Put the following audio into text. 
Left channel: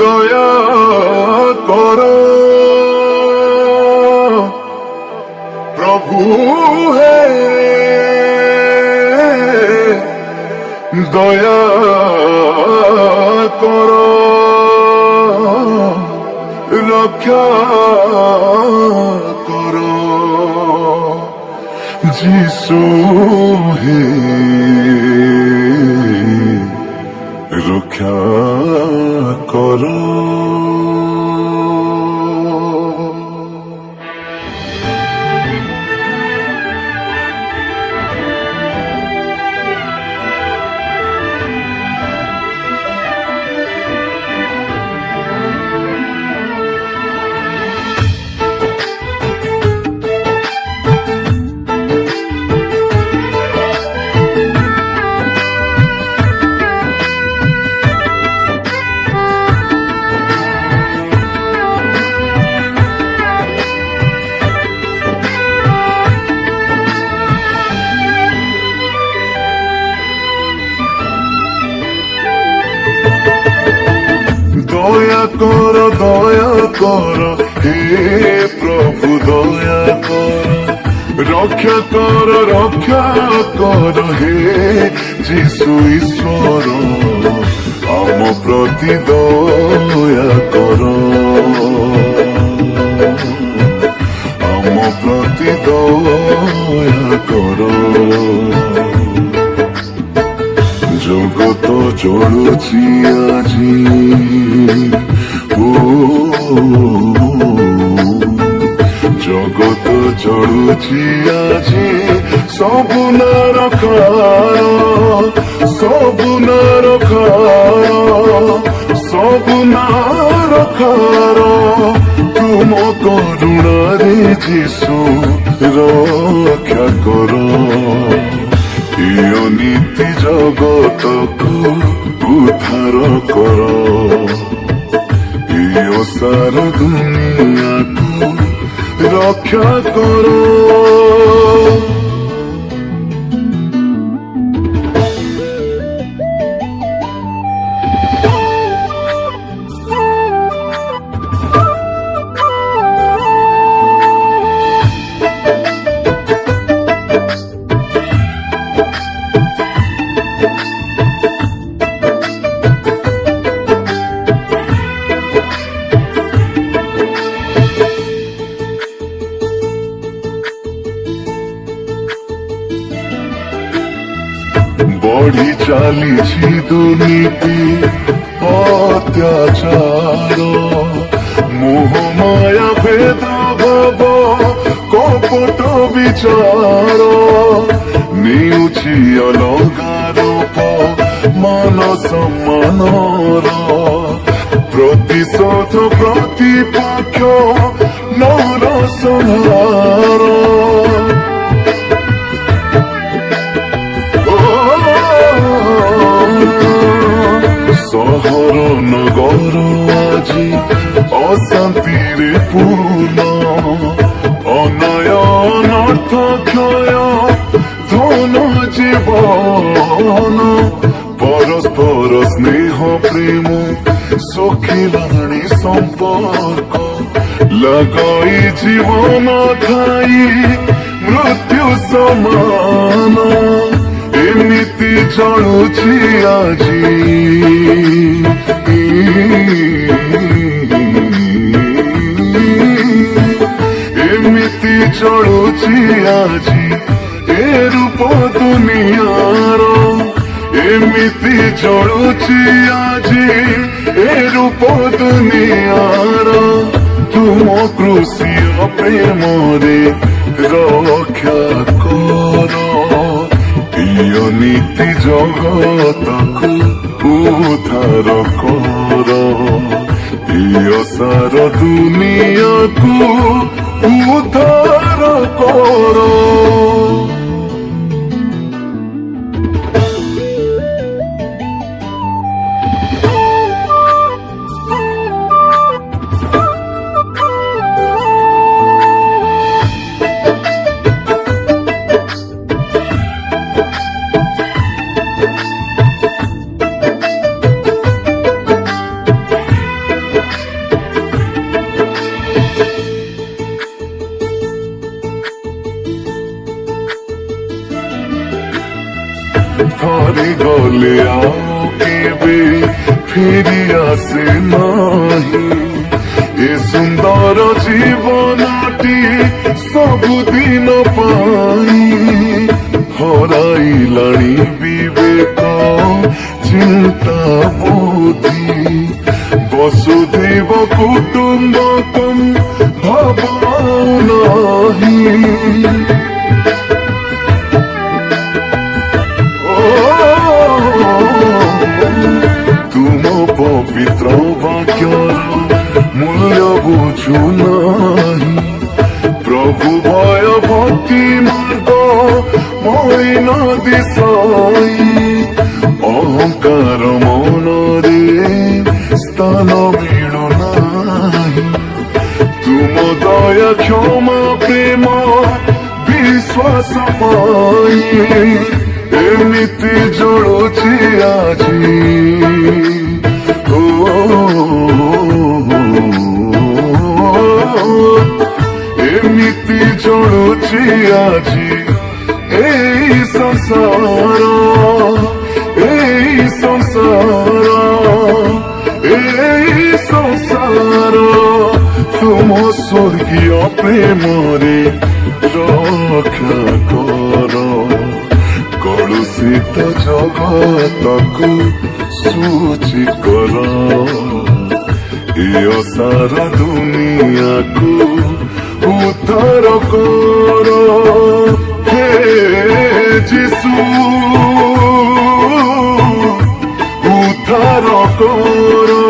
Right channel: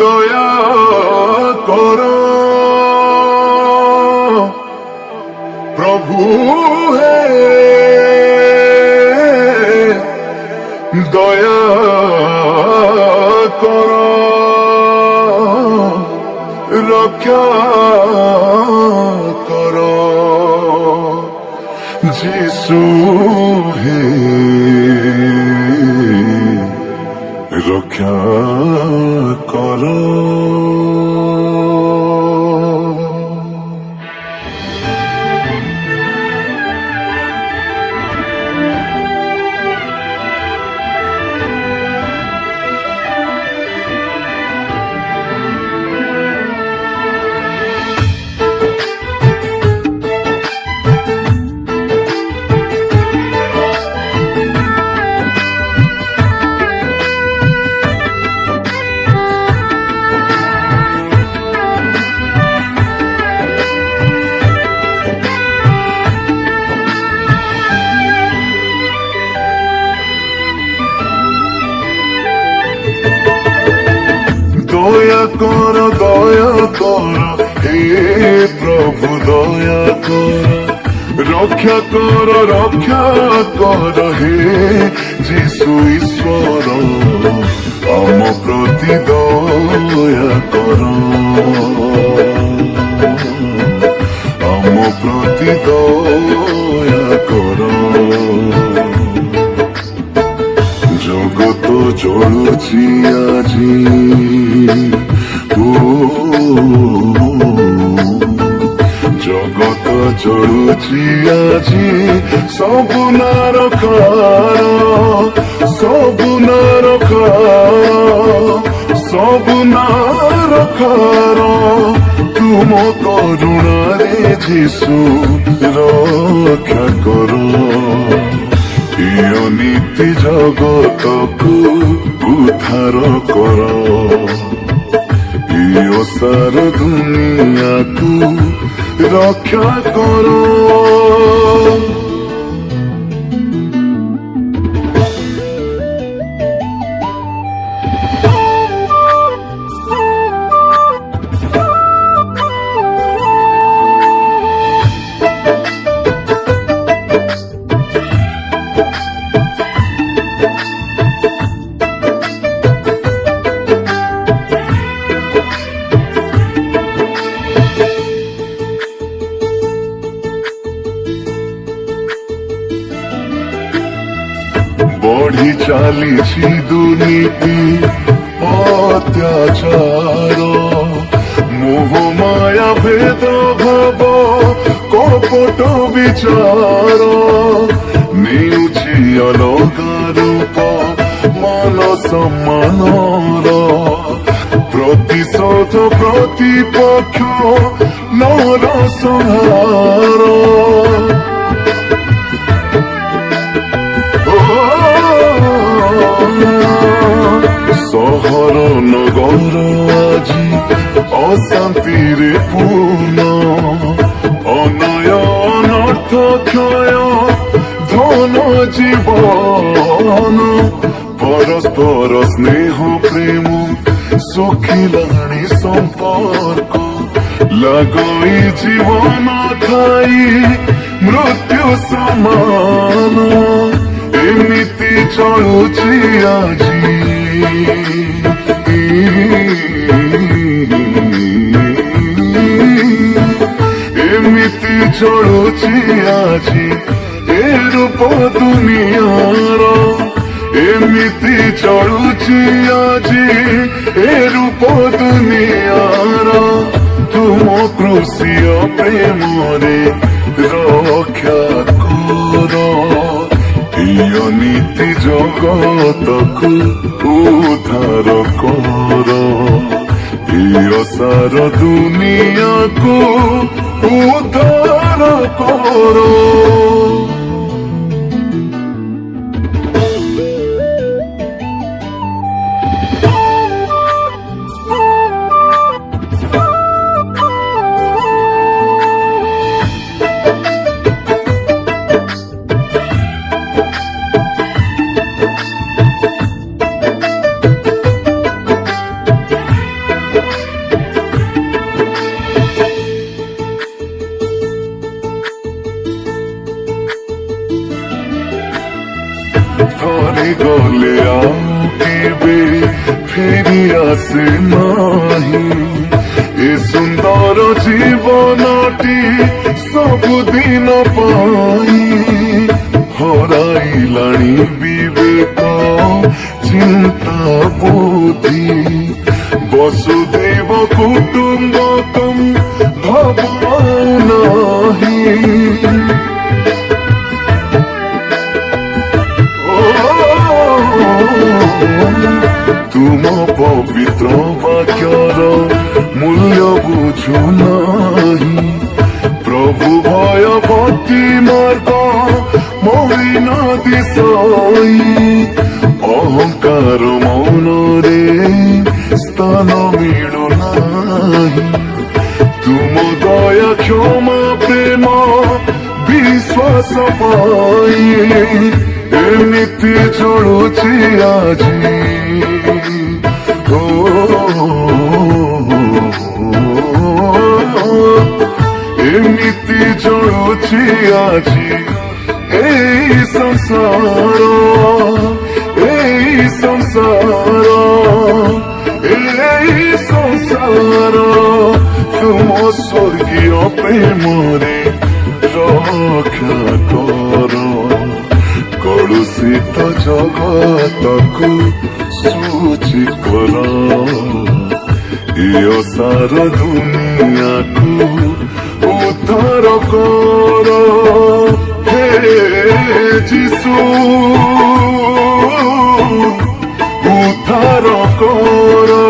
দয়া করো প্রভু হে, দয়া করো রক্ষা করো যিশু হে, রক্ষা করো। দয়া করো হে প্রভু, দয়া করো রক্ষা করো হে যিশু ঈশ্বর, আম প্রতি দয়া করো, আম প্রতি দয়া করো। জগত চলুছি আজি, জগত চলুছি আজি ସବୁ ନାରକାର ତୁମ କରୁଣାରେ ଯୀଶୁ ରକ୍ଷା କର। ଏ ଅନୀତି ଜଗତକୁ ଉଦ୍ଧାର କର, ଏ ଅସାର ଦୁନିଆକୁ রক্ষা করো। বড়ি চালিছি দুর্নীতি অত্যাচার, মোহ মায়া ভেদ ভাব কপট বিচার, নেউছি অলগা রূপ মান সম্মানর, প্রতিশোধ প্রতিপক্ষ নর সংহার। শহর নগর আজি অশান্তিরে পূর্ণ, অনয়ন অর্থ ক্ষয় ধন জীবন, পরস্পর স্নেহ প্রেম সখিলাণী সম্পর্ক, লাগই জীবন খাই মৃত্যু সমান, এমিতি চলছি আজি, এমিতি চলছি আজি এ রূপ দুনিয়ার, এমিতি চলছি আজি এ রূপ দুনিয়ার, তুম ক্রুশীয় প্রেমরে রক্ষা কর, নীতি জগতকু উদ্ধার কর, সার দুনিয়াকু উদ্ধার কর। গলে ଆଉ କେବେ ଫେରି ଆସେ ନାହିଁ ଏ ସୁନ୍ଦର ଜୀବନଟି ସବୁଦିନ ପାଇଁ ହରାଇଲାଣି ବିବେକ ଚିନ୍ତା ବୁଦ୍ଧି ବସୁଧୈବ କୁଟୁମ୍ବକମ୍ ଭାବନାହି ତୁମ ପବିତ୍ର ବାକ୍ୟର ମୂଲ୍ୟ ବୁଝୁ ନାହିଁ ପ୍ରଭୁ ଭୟ ଭକ୍ତି ମାର୍ଗ ମଳିନ ଦିଶାଇ ଅହଙ୍କାର ମନରେ ସ୍ଥାନ ମିଳୁନାହିଁ ତୁମ ଦୟା କ୍ଷମା ପ୍ରେମ ବିଶ୍ୱାସ ପାଇ ଏମିତି ଜଳୁଛି ଆଜି ଏମିତି ଜଳୁଛି ଆଜି এই সংসার তুম স্বর্গীয় প্রেমরে রক্ষা কর কলুষিত জগতকু সূচি কর এ সার দুনিয়াকু উদ্ধার কর হে যিশু উদ্ধার কর